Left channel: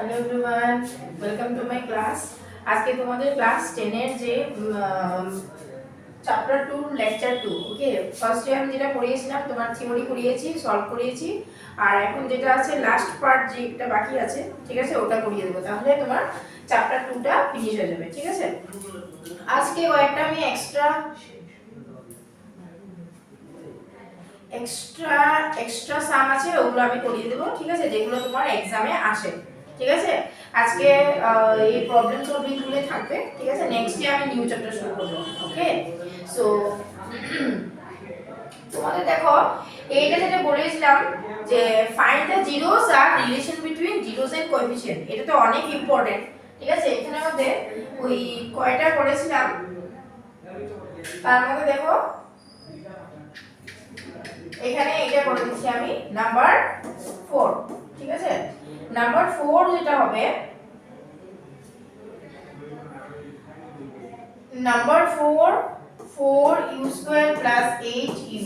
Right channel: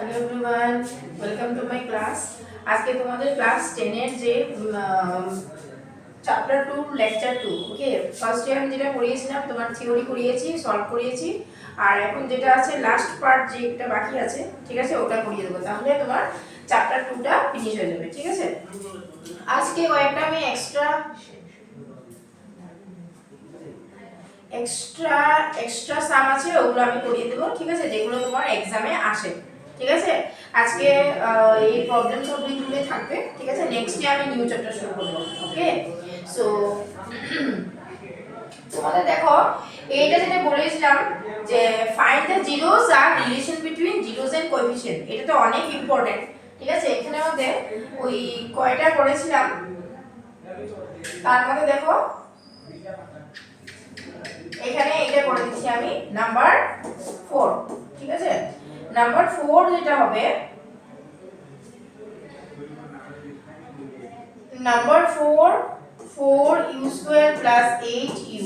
Hello everyone, welcome to my class. আজকে তোমাদের class 10 এর যে চ্যাপ্টার 2 লেকচার 2, ওকে। ফার্স্টে আমি যেটা পড়িয়েছিলাম তোমার থিওরি করিয়েছি, সলভ করিয়েছি, আর এখন যেটা আছে লাস্ট পার্ট যেটা বাকি আছে, ঠিক আছে, ওটা করিয়ে দেবো। তাহলে তোমার চ্যাপ্টার 2টা ফিনিশ হয়ে যাবে, ঠিক আছে। আজকে কয়েকটা আমি এক্সট্রা সাম আছে, ওগুলো আমি করিয়ে দেবো, ঠিক আছে, যেগুলো তোমার এক্সামে আসে, ঠিক আছে। আজকে এই প্রবলেম সলভিং গুলো থাকবে, ঠিক আছে। নেক্সট ডে আমি নিউ চ্যাপ্টার শুরু করব, ওকে। সো তোমাদের দেখো, এইটা যেটা বলেছিলাম যে ফাইন্ড দ্য জিরোস আর relation between zeros and coefficient, এটা তো অনেক ইম্পর্টেন্ট, ঠিক আছে। এখানে মধ্যে ওই কয়টা করেছিলাম, তার মধ্যে দেখো এখানে এটা করে দিচ্ছি আমি নাম্বার 4, ঠিক আছে। নাম্বার 4 যেটা হবে, number 4 u square plus 8u,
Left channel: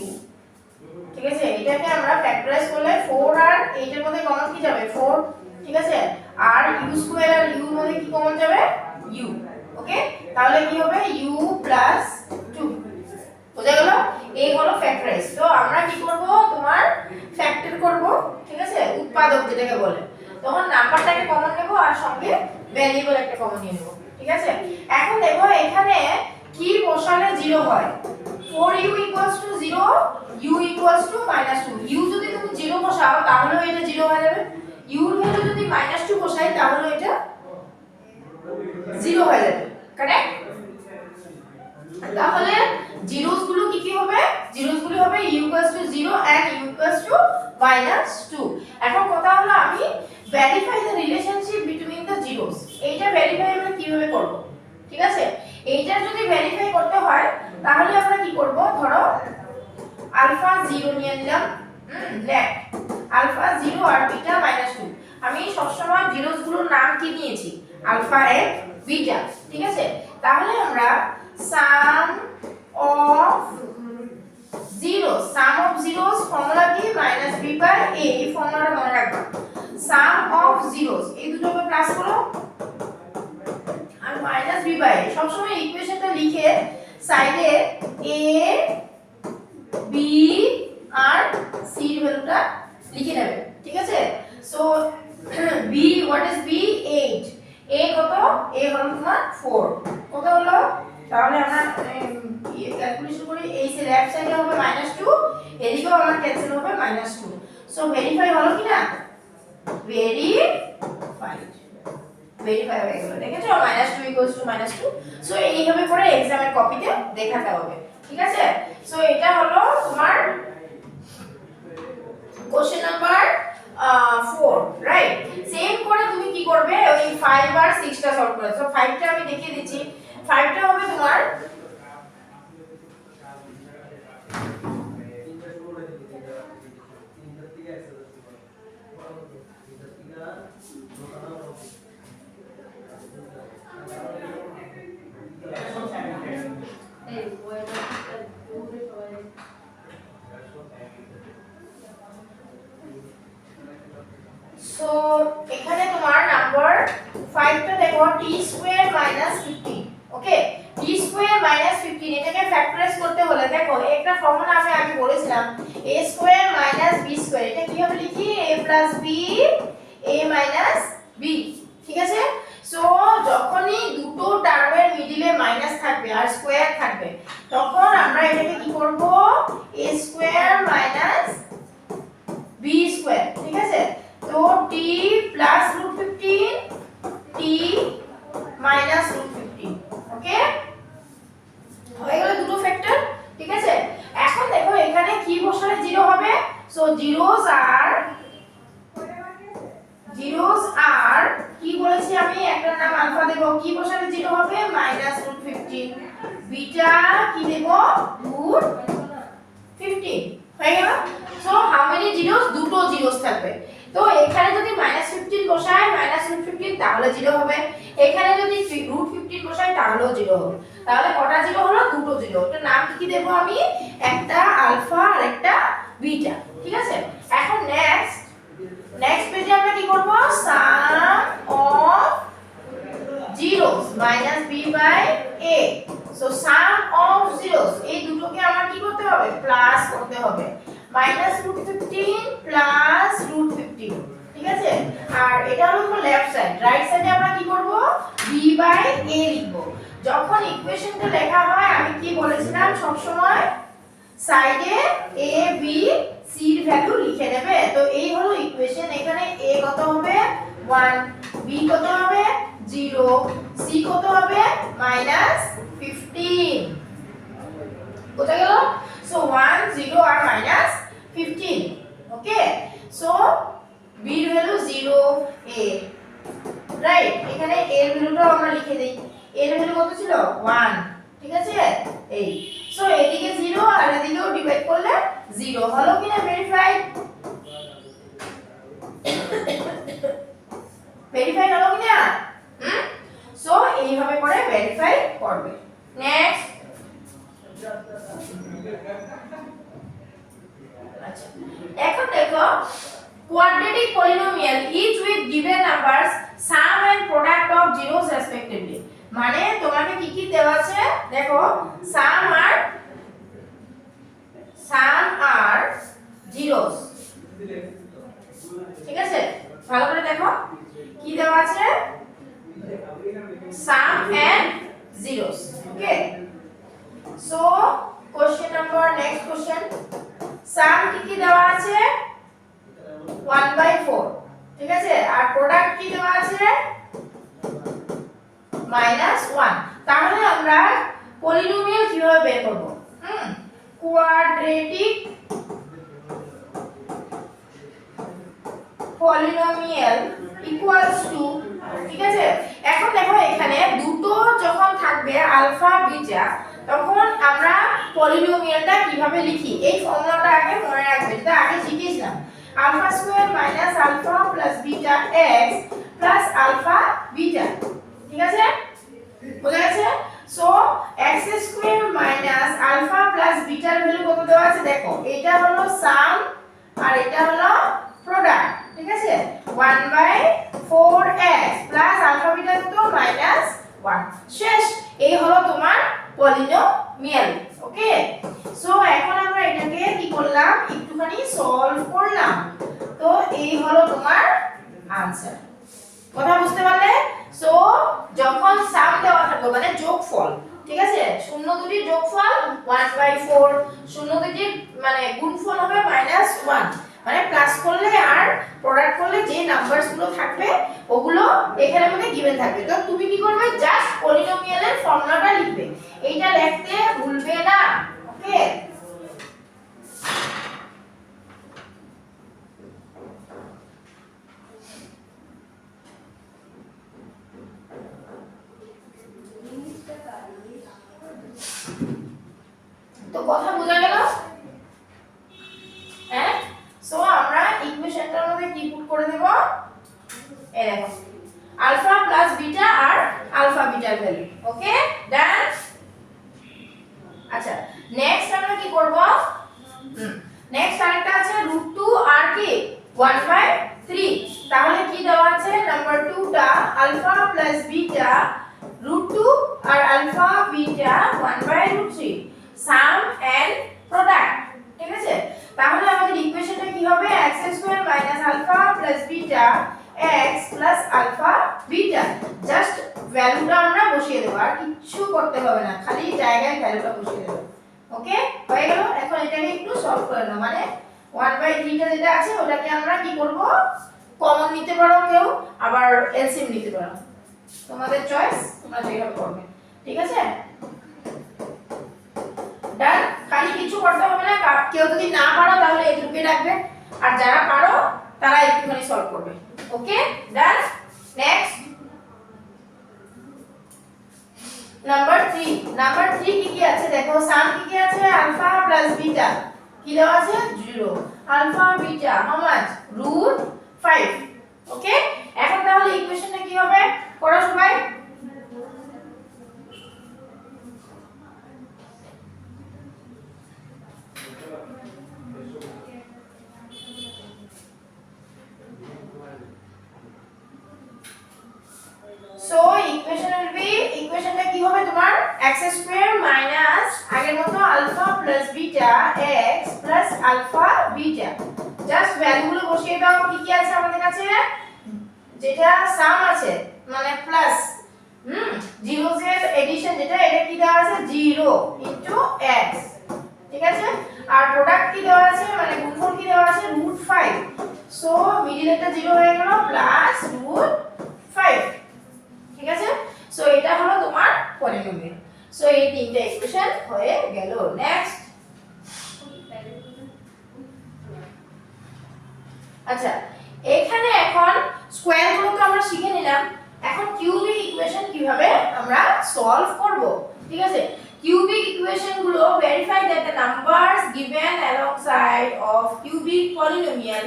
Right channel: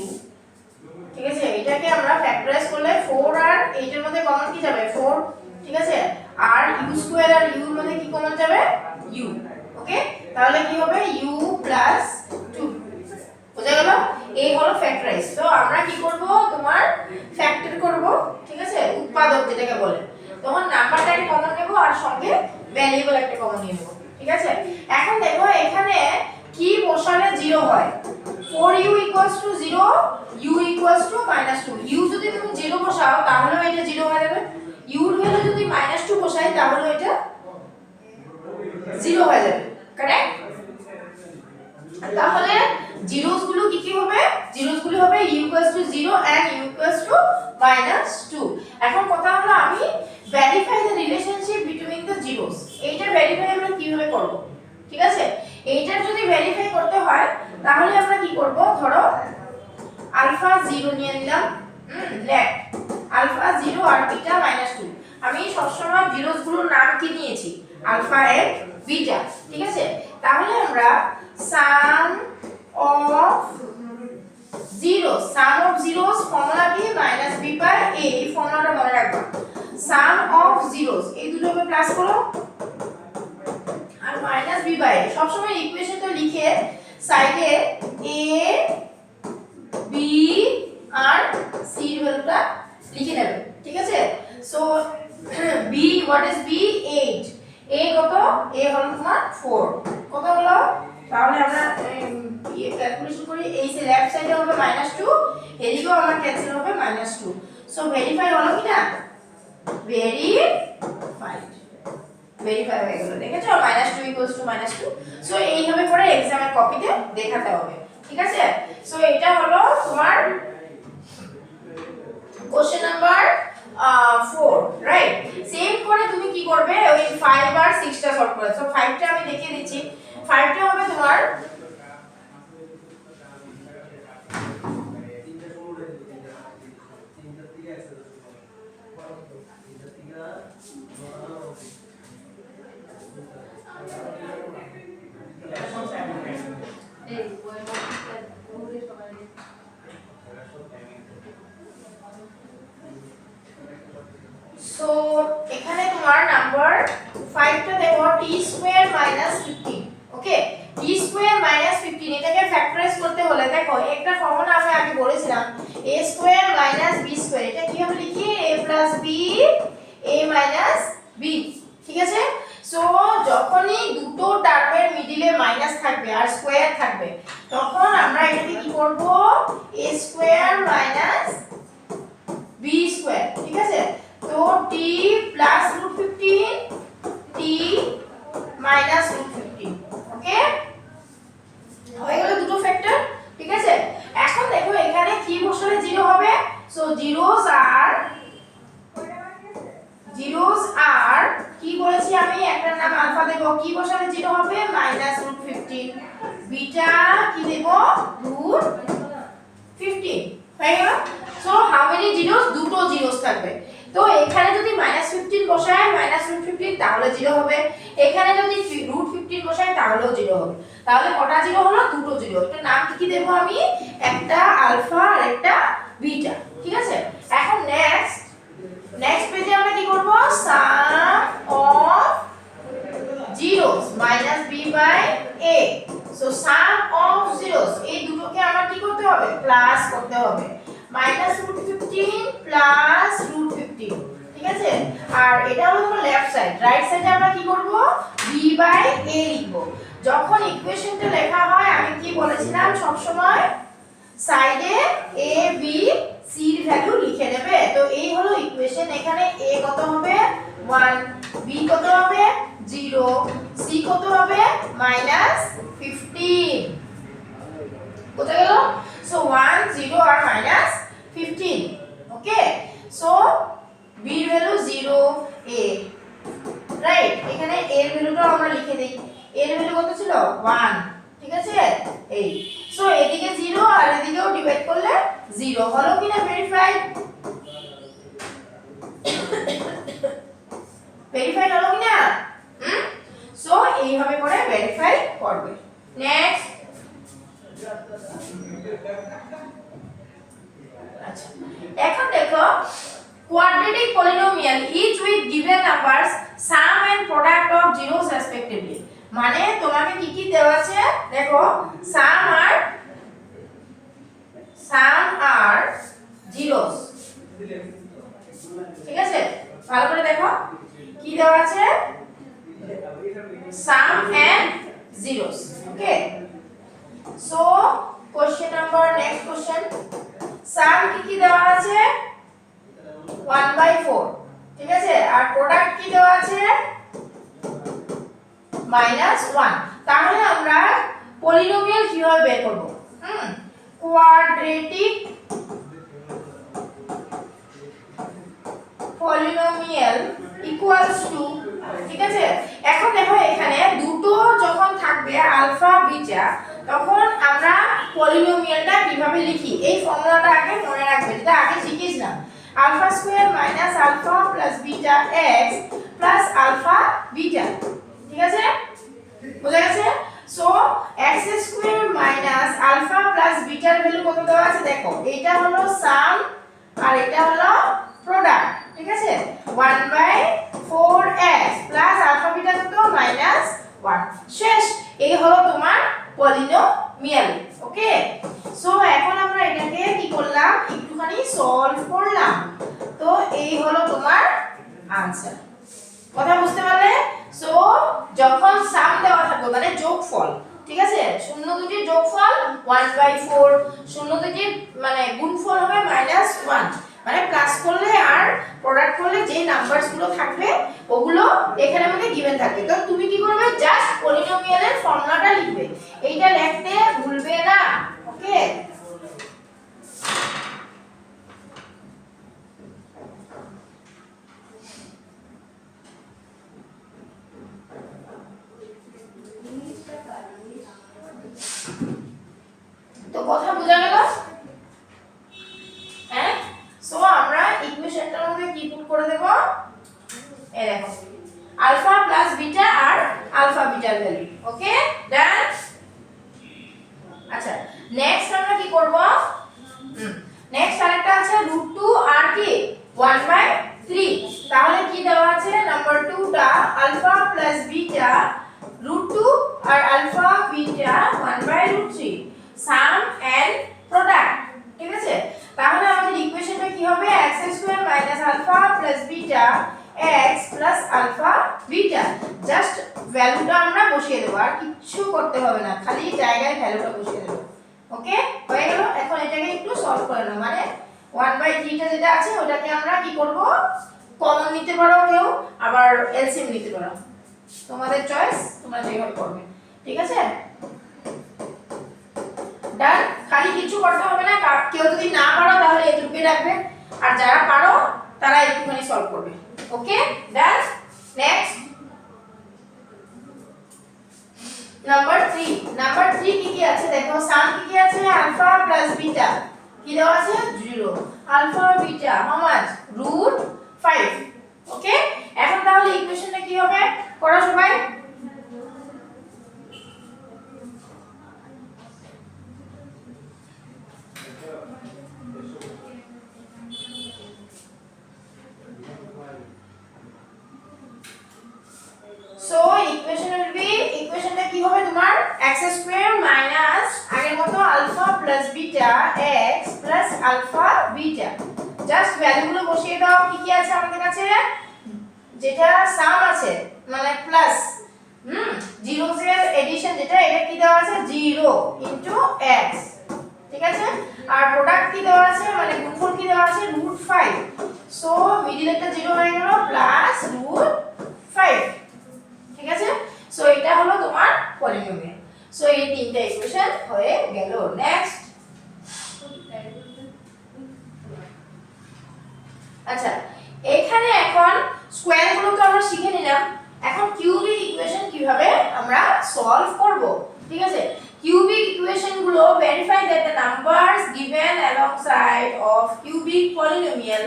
ঠিক আছে। এটাকে আমরা ফ্যাক্টরাইজ করলে 4 আর 8 এর মধ্যে কমন কি যাবে 4, ঠিক আছে। আর u স্কয়ার আর u এর মধ্যে কি কমন যাবে u, ওকে। তাহলে কি হবে u প্লাস 2, বুঝা গেল। এই হলো ফ্যাক্টরাইজ। তো আমরা কি করব, তোমার ফ্যাক্টর করব, ঠিক আছে, উৎপাদক যেটাকে বলে। তখন নাম্বারটাকে কমন নেব আর সঙ্গে ভ্যারিয়েবল একটা কমন নিয়ে নেব, ঠিক আছে। এখন দেখো এখানে কি বসালে 0 হয়, 4u 0, u -2। u যদি তুমি 0 বসাও তাহলে এটা 0 হয়ে যাবে, u এর ভ্যালু যদি -2 বসাই তাহলে এটা 0 হয়ে যাবে, কারেক্ট। তাহলে জিরোস গুলো কি হবে, জিরোস গুলো হবে u = 0 and u = -2। এখন কথা হলো আমি verify the relationship between the zeros, এইটা ভেরিফাই আমরা কিভাবে করব, ঠিক আছে। এইটা যদি ভেরিফাই করতে হয় তাহলে আমরা কি করব, ধরো আলফা 0 নিয়ে নিলাম, লেট আলফা 0 আর বিটা -2। আমি সবসময় জিরোস গুলোর নাম কি নিয়েছি, আলফা এন্ড বিটা, ঠিক আছে। তাহলে আমরা sum of zeros, sum of zeros formula কি -b/a, এই ফর্মুলাটা মনে রাখবা। সাম অফ জিরোস এই দুটোকে প্লাস করো আর -b/a, সব সময় ইকুয়েশনটা লিখে সাইডে a b আর c এর ভ্যালুটা লিখে নেবে, ঠিক আছে। So b, what is b, 8, a কত, a হলো তোমার 4, কত হলো, তাহলে আমরা ক্যালকুলেশন করি, এই যে লেফট সাইডে হবে -2, এদিকেও আমার ক্যান্সেল হবে -2। সো ভেরিফাই হলো কি না, ভেরিফাই হয়ে গেল, দেখেছো, -2 = -2। সো এইভাবে করে এক্সামের কপিতে দেখাতে হবে, ঠিক আছে। সো এটা হলো তোমার কোশ্চেন নাম্বার 4, রাইট। সেম করে তুমি কি করবে, ওই 5 আর 6 টা সলভ করবে। সো 5 টা আমি দেখিয়ে দিচ্ছি। 5 টা হবে তোমার সো এখানে তোমার নাম্বার 5 টা দেখো t² - 15, ওকে। t² - 15 এটাকে ফ্যাক্টরাইজ করতে হলে দেখো একটা ফর্মুলা আমি আগে বলেছিলাম, a² - b², এটা কিভাবে লিখি, a + b a - b, ঠিক আছে। সো যখনই দুটো টার্মের মিডলে মাইনাস থাকবে আর স্কয়ার থাকবে তখন আমরা এটাকে কি করব, a² - b², ঠিক আছে। তো t + √15 t -√15, ওকে, হয়ে গেল দুটো ফ্যাক্টর, ঠিক আছে। এখন দেখো এখানে কি বসালে 0 হবে, সো জিরোস আর কি বলেছি আমি, একটার নাম আলফা দেব, কি বসালে 0 হবে -√15, বিটা কি দেব √15, হয়ে গেল। সো হাউ মেনি জিরোস, দুটো জিরোস থাকবে। তো এখানে যদি -15 বসাই -√15 তাহলে 0 হবে, এখানে যদি √15 বসাই তাহলেও 0 হবে। তাহলে কটা 0 হলো, দুটো 0। এটার নাম কি দেব আমি, একটা আলফা আর একটা বিটা, ঠিক আছে। এখন নেক্সট পেজে আমরা কি করব, সাম -√15 প্লাস √15, ঠিক আছে। আর এটা হলো তোমার লেফট সাইড, রাইট সাইডে আমরা কি করব, b/a লিখব। যখন ইকুয়েশনটা লেখা হয় আমি কি বলেছিলাম, সব সময় সাইডে a b c এর ভ্যালু লিখে নেবে। তো এই হলো ইকুয়েশন, এখানে a কত হবে 1, b কত হবে 0, c কত হবে -15। বোঝা গেল? সো 1 0 আর -15। ওকে, সো b এর ভ্যালু 0, a, রাইট। এখানে a এর ভ্যালুটাও আমরা লিখে দেই, a এর ভ্যালু কত ছিল 1, ঠিক আছে। এই সো এদিকে 0 আর এদিকেও ডিভাইড করলে 0 হলো কিনা ভেরিফাইড, ভেরিফাইড হলো কিনা। সো এইভাবে করে ভেরিফাই করবে। নেক্সট, আচ্ছা এখন দেখো quadratic polynomial each with given numbers sum and product of zeros respectively। মানে তোমাকে কি কি দেওয়া আছে দেখো, sum আর zeros, ঠিক আছে। ভালো করে দেখো কি দেওয়া আছে, sum and zeros। Okay, so question number, next question, sum কি দেওয়া আছে 1/4, ঠিক আছে। আর প্রোডাক্ট কি দেওয়া আছে -1। তাহলে আমরা পলিনোমিয়াল কিভাবে বের করব, কোয়াড্রেটিক পলিনোমিয়াল ইকুয়ালস টু, ঠিক আছে। এখন দেখো এখানে দুটো যখন থাকবে আলফা বিটা, তখন আমরা পলিনোমিয়ালটা কিভাবে লিখি, এই ফর্মুলাটা আগে মনে রাখবে, যেটা আগে শিখিস না। Alpha square minus alpha plus beta x plus alpha beta, ঠিক আছে, বোঝা গেছে। So x square minus alpha plus বিটার ভ্যালু কত দেওয়া আছে দেখো, এটা হলো সাম আর এটা হলো প্রোডাক্ট, ঠিক আছে। 1/4x প্লাস আলফা বিটা কত -1, শেষ। এই হলো তোমার পলিনোমিয়াল। ওকে, সো এখন আমরা এটাকে কি করলাম, একটুখানি সলভ করলাম। তো এই হলো তোমার आंसर। কথা বুঝতে পারলে? সো যখন সাম দেওয়া থাকবে মানে যোগফল, ঠিক আছে, শূন্য দুটির যোগফল 1/4, শূন্য দুটির মানে গুণফল হবে -1, মানে প্লাস করলে আর প্রোডাক্ট করলে যে নাম্বারস গুলো থাকবে ওগুলো এখানে মধ্যে গিভেন থাকবে। তো তুমি কি করবে, জাস্ট পলিনোমিয়ালের ফর্মুলাটা লিখবে, এইটা লিখতে ভুলবে না। ওকে, তো কথা বোঝা গেল? হ্যাঁ, সো আমরা ইকুয়েশনটার মধ্যে কি পুট করে দেব, এই দেখো আলফা প্লাস বিটা আর আলফা বিটার ভ্যালু। ওকে, ডান। আচ্ছা নেক্সট আমরা কি করব, নেক্সট আরেকটা আছে √2 আর কি 1/3। তাহলে কি দেওয়া আছে, নাম্বার 2টা আলফা প্লাস বিটা √2 আর alpha beta 1/√3 sum and product, ঠিক আছে। তাহলে আমাদের ইকুয়েশনটা কি হবে, x² - alpha plus beta x plus alpha beta, just ভ্যালুটা আমরা বসিয়ে দেব, আর কিছু করতে হবে না, খালি জায়গায় ভ্যালুটা বসিয়ে দেব। ওকে, হয়ে গেল। এখন এটাকে একটু সলভ করে নাও, মানে 1/3টা যেটা আছে ওটাকে আমরা কি করব, কমন নিতে পারো কেউ, আবার এলসিএম নিতে পারো, তোমাদের চয়েস, তোমরা যেভাবে করবে, ঠিক আছে। ডান, খালি কিছু করতে হবে না, কেউ যদি না পারো তাহলে এই দুটোকে রাখবে, আর যারা পারো তারা একটুখানি সলভ করবে। ওকে, ডান। নেক্সট নাম্বার 3 কি কি আছে দেখো, সাম কি কি আছে, আলফা প্লাস বিটা কি দেওয়া আছে 0, আলফা বিটা হাউ মাচ √5। ওকে, এখন তাহলে ইকুয়েশনটা কি হবে করো সবাই। সো ইকুয়েশনটা কি হবে তোমার, x² মাইনাস আগের মতো alpha plus beta x plus alpha beta. Just ভ্যালুগুলো বসিয়ে দাও। কি কি আছে আমাদের কাছে? যেটা সাম আছে মানে প্লাস জিরোস এর এডিশন যেটা, এটা কি দেওয়া আছে 0 ইনটু x, ঠিক আছে। আর প্রোডাক্ট কি দেওয়া আছে মানে গুণফল কি দেওয়া আছে √5, সো মিডল একটা 0 হয়ে গেল প্লাস √5, ঠিক আছে। সো এটা হলো তোমার পলিনোমিয়াল। সো এই তিনটা ইকুয়েশন হয়ে গেল। নেক্সট, আচ্ছা এখানে এখন স্কয়ার গুলো তো আমরা শিখে নিলাম, এখন কিউবিক ইকুয়েশন কিভাবে আমরা সলভ করব, ঠিক আছে। কিউবিক ইকুয়েশন গুলো verify that the numbers given alongside of cubic polynomial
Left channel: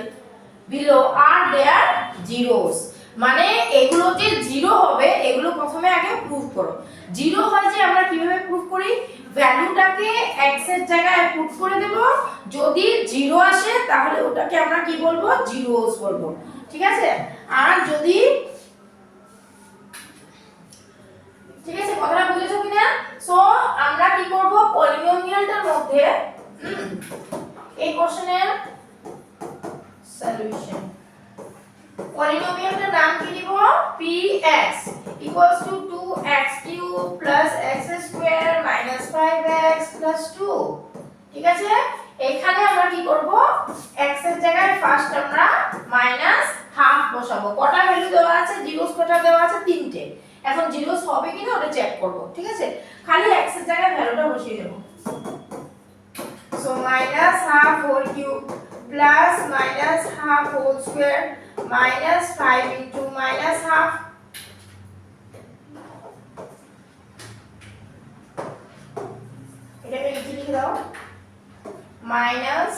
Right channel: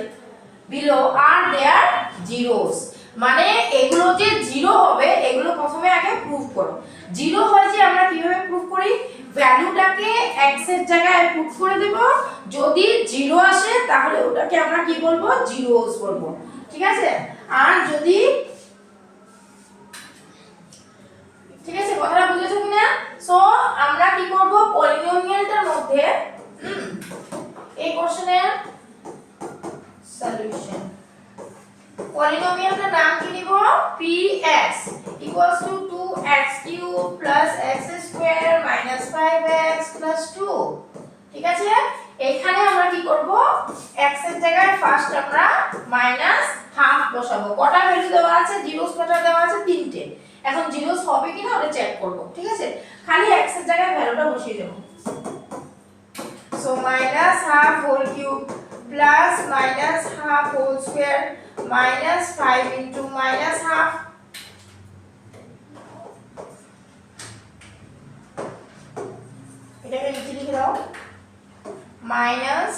below are their zeros. মানে এগুলো যে জিরো হবে এগুলো প্রথমে আগে প্রুফ করো। জিরো হয় যে আমরা কিভাবে প্রুফ করি, ভ্যালুটাকে x এর জায়গায় পুট করে দেব, যদি জিরো আসে তাহলে ওটাকে আমরা কি বলবো জিরোস বলবো, ঠিক আছে। আর যদি, ঠিক আছে কথাটা বুঝেছো কিনা? সো আমরা কি করব পলিনোমিয়ালটার মধ্যে এই কোশ্চেনের সলিউশন, পলিনোমিয়ালটার নাম কি নিব px equals to 2x cube plus x square minus 5x plus 2, ঠিক আছে। এখানে আমরা কি করব x এর জায়গায় ফার্স্ট আমরা মাইনাস হাফ বসাবো। কটা ভ্যালু দেওয়া আছে, জিরোস কটা দেওয়া আছে তিনটে। এখন জিরোস হবে কিনা ওটা চেক করব, ঠিক আছে। খালি x এর জায়গায় ভ্যালুটা বসিয়ে দেব। So minus half whole cube plus minus half whole square minus 5 into minus half, এটাকে নিচে লিখে দাও minus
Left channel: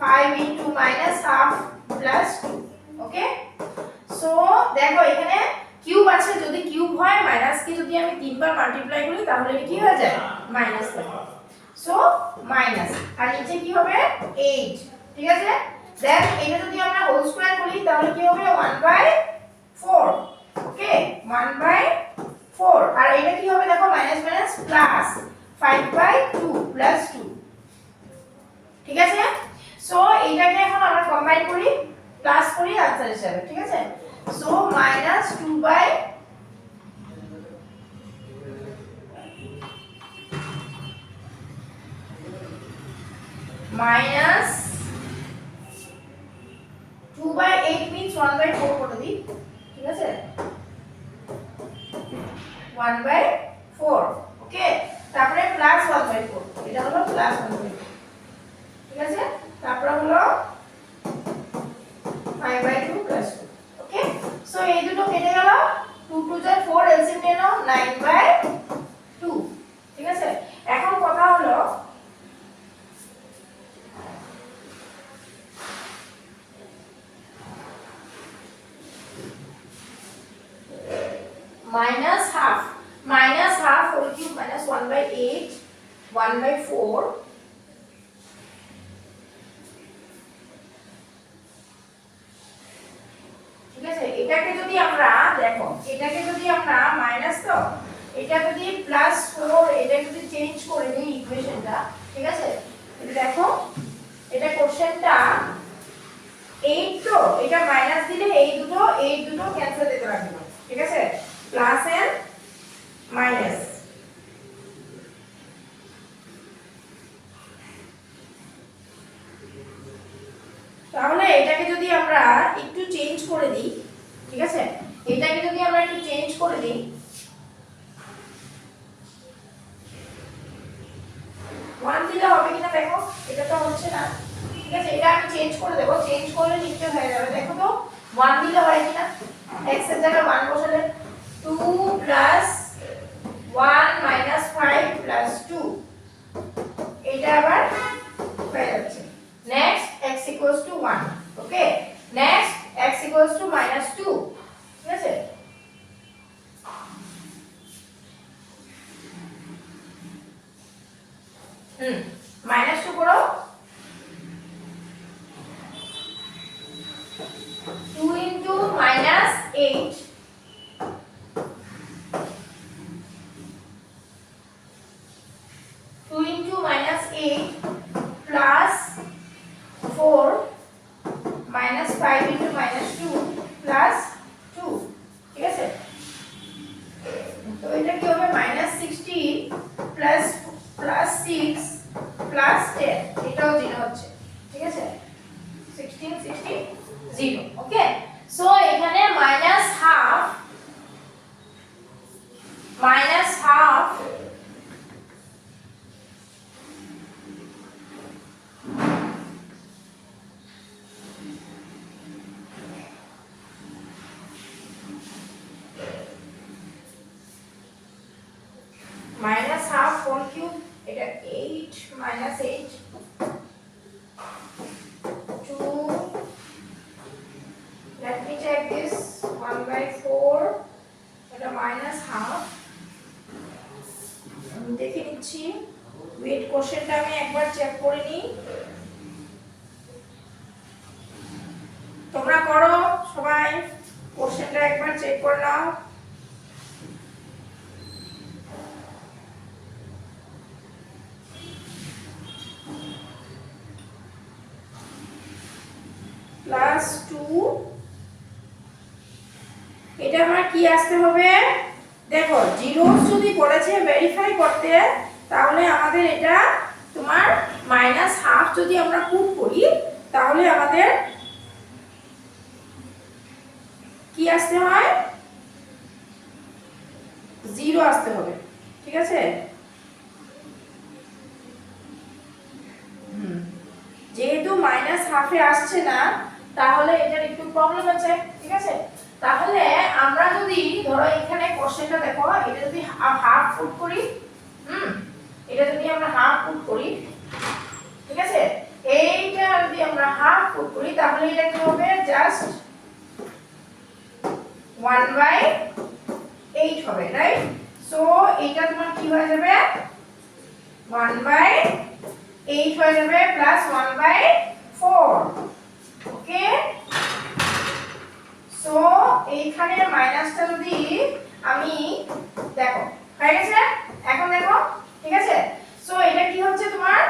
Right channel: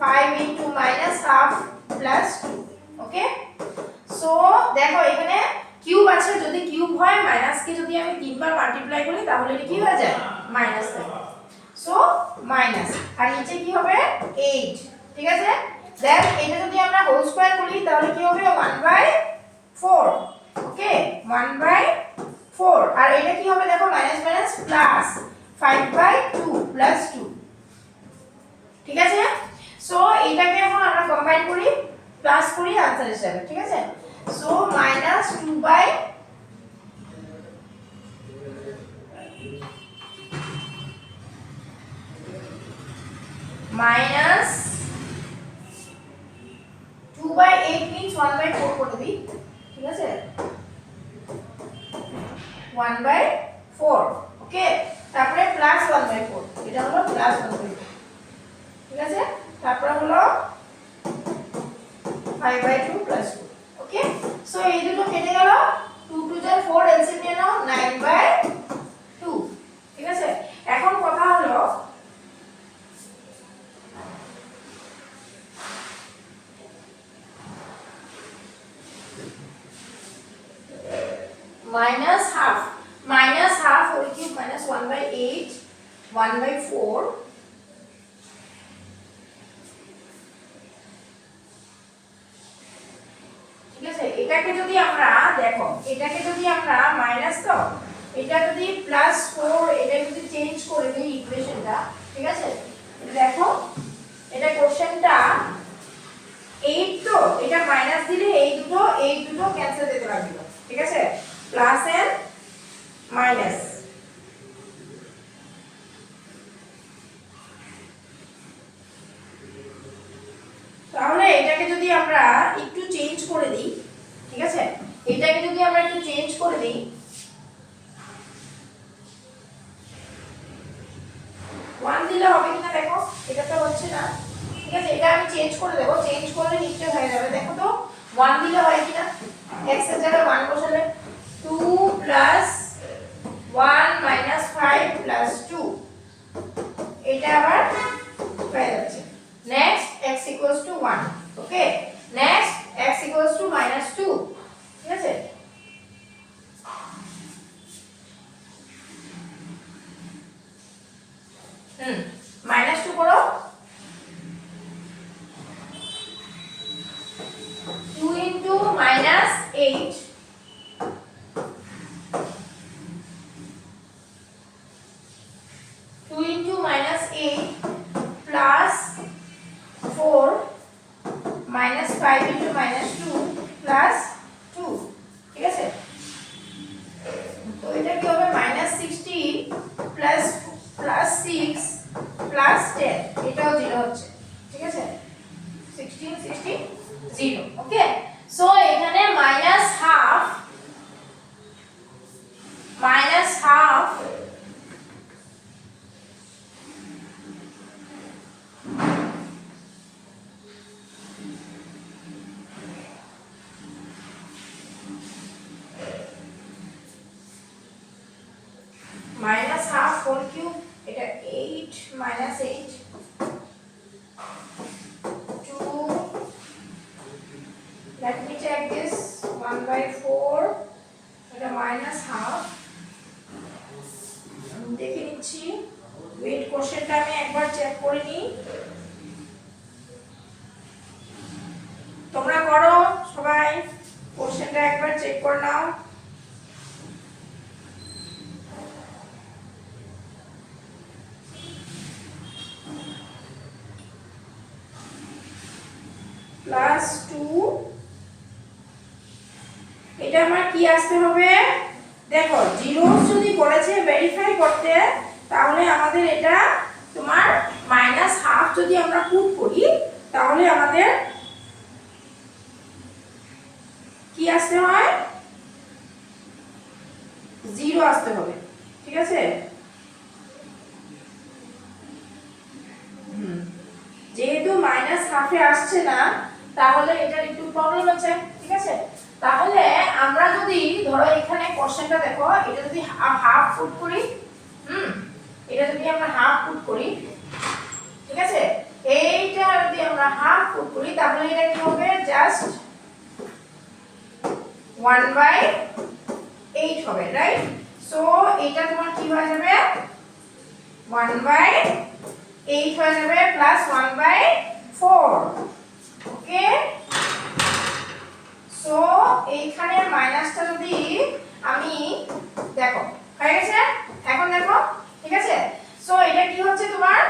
5 into minus half plus 2, ওকে। সো দেখো এখানে কিউব আছে, যদি কিউব হয় মাইনাস কে যদি আমি তিনবার মাল্টিপ্লাই করি তাহলে এটা কি হয়ে যায় মাইনাস থাকে, সো মাইনাস। আর নিচে কি হবে 8, ঠিক আছে। দেন এটা যদি আমরা হোল স্কয়ার করি তাহলে কি হবে 1/4, ওকে 1/4। আর এটা কি হবে দেখো মাইনাস মাইনাস প্লাস 5/2 প্লাস 2, ঠিক আছে। সো এইটাকে এখন আমরা কম্বাইন করি প্লাস করি আনসার হিসাবে, ঠিক আছে। সো মাইনাস 2/, মাইনাস 2/8 means 1/4 করে দিই, ঠিক আছে 1/4, ওকে। তারপরে প্লাস 1/4, এটা হলো প্লাস 1/4, ঠিক আছে। তারপরে হলো 5/2 প্লাস 2, ওকে। সো এই দুটো কেটে গেল, 2 2 যা 4, এলসিএম নিয়ে নাও 9/2, ঠিক আছে। এখন কথা হলো minus half whole cube minus 1/8 1/4, ঠিক আছে। এটাকে যদি আমরা দেখো, এটাকে যদি আমরা মাইনাস, তো এটা যদি প্লাস 4, এটা যদি চেঞ্জ করে দেই ইকুয়েশনটা, ঠিক আছে। এটা দেখো, এটা কোশ্চেনটা 8, তো এটা মাইনাস দিলে এই দুটো ক্যান্সেল দিতে লাগবে, ঠিক আছে, প্লাস এন্ড মাইনাস। তাহলে এটাকে যদি আমরা একটু চেঞ্জ করে দিই, ঠিক আছে, এটাকে যদি আমরা একটু চেঞ্জ করে দিই, 1 দিলে হবে কিনা দেখো, এটা তো হচ্ছে না, ঠিক আছে। এটা আমি চেঞ্জ করে দেব, চেঞ্জ করলে নিচে হয়ে যাবে, দেখো তো 1 দিলে হয় কিনা। x এর জায়গায় 1 বসালে 2 প্লাস 1 মাইনাস 5 প্লাস 2, এটা আবার হয়ে যাচ্ছে। Next x equals to 1, okay. Next x equals to -2, ঠিক আছে। -2 করো, 2 into -8 2 into -8 plus -5 into -2 plus 2, ঠিক আছে? তো এটা কি হবে -60 plus 6 plus 10, এটাও 0 হচ্ছে, ঠিক আছে? 16 60 0, ওকে। সো এখানে -half -half whole cube, এটা 8 -8 2, let me check this, 1/4, এটা -half, দেখে নিচ্ছি, ওয়েট কোশ্চেনটা আমি একবার চেক করে নিই, তোমরা করো সবাই, কোশ্চেনটা একবার চেক করে নাও। +2, এটা আমার কি আসতে হবে, দেখো জিরোস যদি বলেছে ভেরিফাই করতে, তাহলে আমাদের এটা তোমার -half যদি আমরা পুট করি, তাহলে আমাদের কি আসতে হয়, 0 আসতে হবে, ঠিক আছে? যেহেতু -half-এ আসছে না, তাহলে এটার একটু প্রবলেম আছে, ঠিক আছে? তাহলে আমরা যদি ধরো এখানে কোশ্চেনটা দেখো, এটা যদি হাফ পুট করি, এটা যদি আমরা হাফ পুট করি, ঠিক আছে? এইটা যদি আমরা হাফ পুট করি, তাহলে এটা কি হবে, জাস্ট 1/8 হবে, রাইট? সো এটা তোমার কি হয়ে যাবে, 1/8 হয়ে যাবে প্লাস 1/4, ওকে। সো এইখানে মাইনাসটা যদি আমি দেখো হয়ে গেছে, এখন দেখো, ঠিক আছে? সো এটা কি হচ্ছে তোমার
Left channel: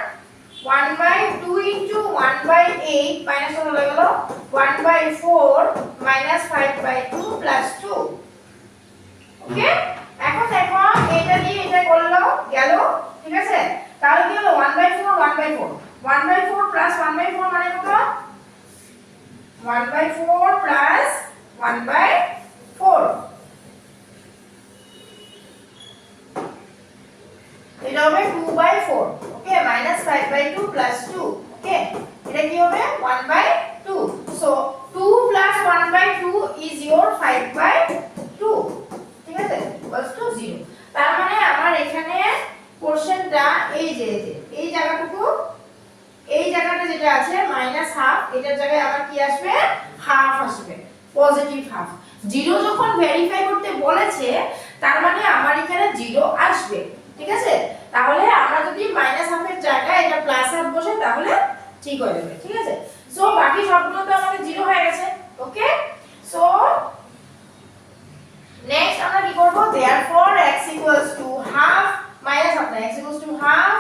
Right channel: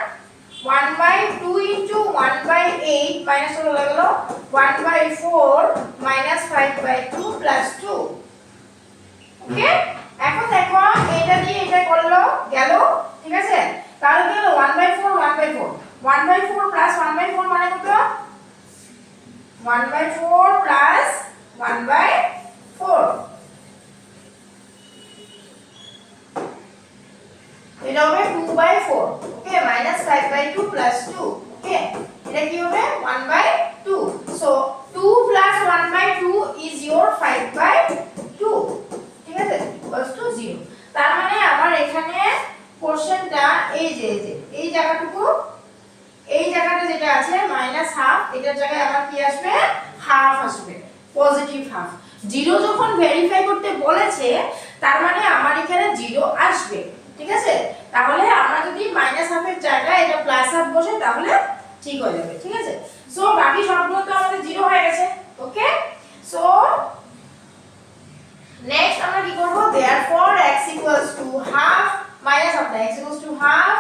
1/2 into 1/8 মাইনাস হয়ে গেল 1/4 -5/2 plus 2, ওকে। এখন দেখো এটা দিয়ে এটা করলো গেল, ঠিক আছে? তাহলে কি হলো 1/4 1/4 plus 1/4 মানে কত, 1/4 plus 1/4, এটা হবে 2/4, ওকে, -5/2 plus 2, ওকে, এটা কি হবে 1/2, সো 2 plus 1/2 is your 5/2, ঠিক আছে, equals to 0। তার মানে আমার এখানে কোশ্চেনটা এই যে এই জায়গাটুকু, এই জায়গাটা যেটা আছে -half, এটার জায়গায় আমার কি আসবে, হাফ আসবে, পজিটিভ হাফ। 0 যখন ভেরিফাই করতে বলেছে, তার মানে আমার এখানে 0 আসবে, ঠিক আছে? তাহলে আমরা যদি -half এর জায়গায় এটা +half বসে, তাহলে ঠিক হয়ে যাবে, ঠিক আছে? সো বাকি সবগুলো তো আমাদের 0 হয়ে গেছে, ওকে। সো নেক্সট আমরা কি করব, therefore x equals to half -half না, x equals to half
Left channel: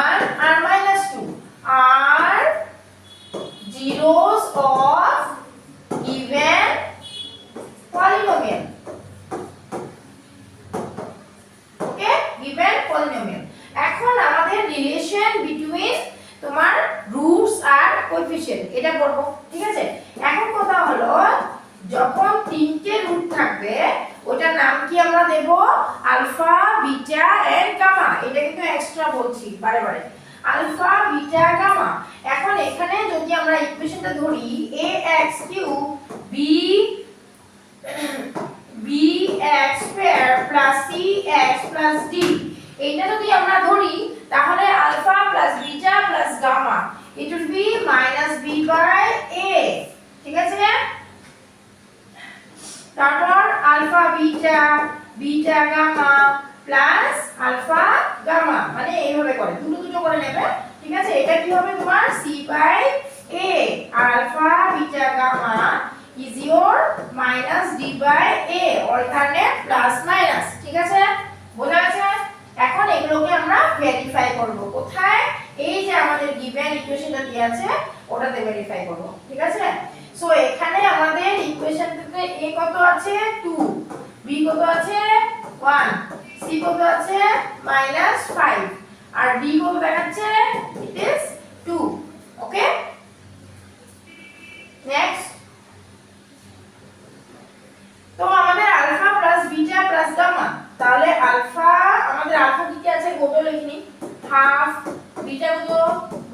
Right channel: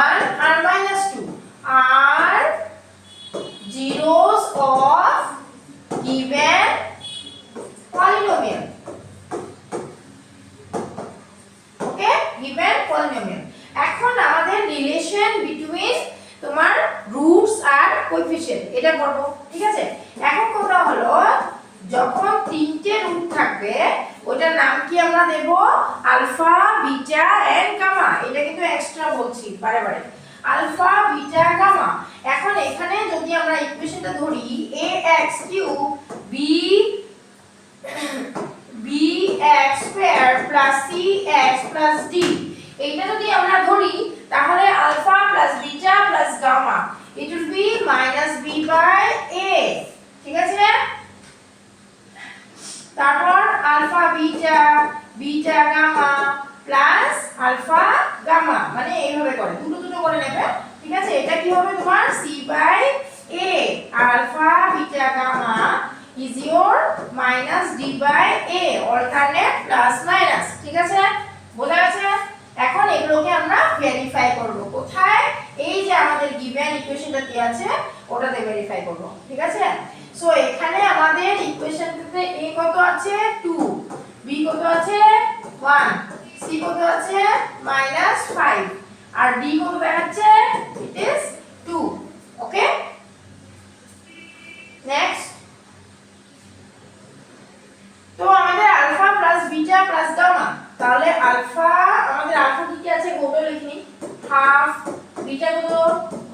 1 and -2 are zeros of given polynomial, okay, given polynomial। এখন আমাদের রিলেশন বিটুইন তোমার রুটস আর কোএফিসিয়েন্ট এটা করব, ঠিক আছে? এখন কথা হলো, যখন তিনটে রুট থাকবে, ওটার নাম কি আমরা দেব, আলফা, বিটা এন্ড গামা। এটা কিন্তু এক্সট্রা বলছি বারে বারে, আলফা, বিটা, গামা। এখন এখানে যদি আমরা ইকুয়েশনটা ধরি, ax³ bx² plus cx plus d, এইটা যদি আমরা ধরি, তাহলে alpha plus beta plus gamma, it will be -b/a, ঠিক আছে? তারপর alpha beta, beta gamma plus alpha gamma, মানে এইভাবে করে দুটো দুটো করে নেবে, ঠিক আছে? এটা কি হবে তোমার c/a, alpha beta gamma is your -d/a, alternate plus minus, ঠিক আছে? বোঝা গেছে? এখন এগুলোকে আমরা ভেরিফাই করব কোথায়, এই যে আমাদের গিভেন ইকুয়েশনটা দেয়া আছে ওটাতে ভেরিফাই করব, ঠিক আছে? সো এখানে আমাদের ইকুয়েশনটাতে a কত আছে 2, b কত আছে 1, c কত আছে -5 আর d কত দেখাচ্ছে ইট ইজ 2। Okay, next. তো আমাদের alpha plus beta plus gamma, তাহলে আমাদের আলফা কি আছে গোটা লিখিনি হাফ, বিটা কত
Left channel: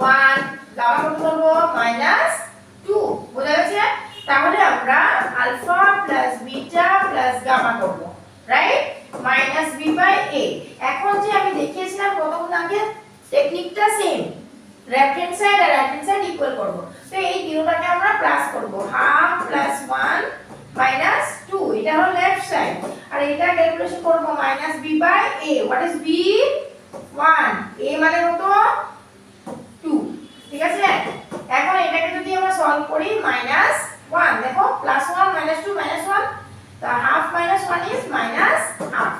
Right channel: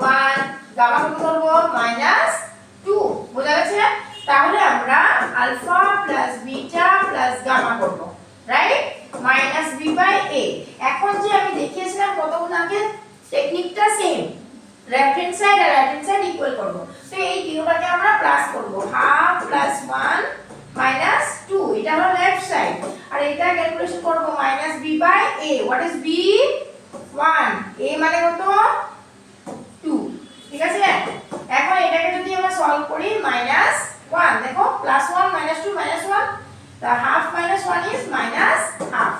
1, গামা কত করব -2, বোঝা গেছে? তাহলে আমরা alpha plus beta plus gamma করব, রাইট? -b/a। এখন যে আমি দেখিয়েছিলাম কতক্ষণ আগে, টেকনিকটা সেম, লেফট হ্যান্ড সাইড আর রাইট হ্যান্ড সাইড ইকুয়াল করব। তো এই তিনটাকে আমরা প্লাস করব, হাফ প্লাস 1 -2, এটা হলো লেফট সাইড, আর এটা ক্যালকুলেশন করব -b/a। What is b? 1, a মানে কত 2, ঠিক আছে? এখন এটাকে যদি আমরা সলভ করি -1, দেখো +1 -2 -1, the half minus 1 is -half।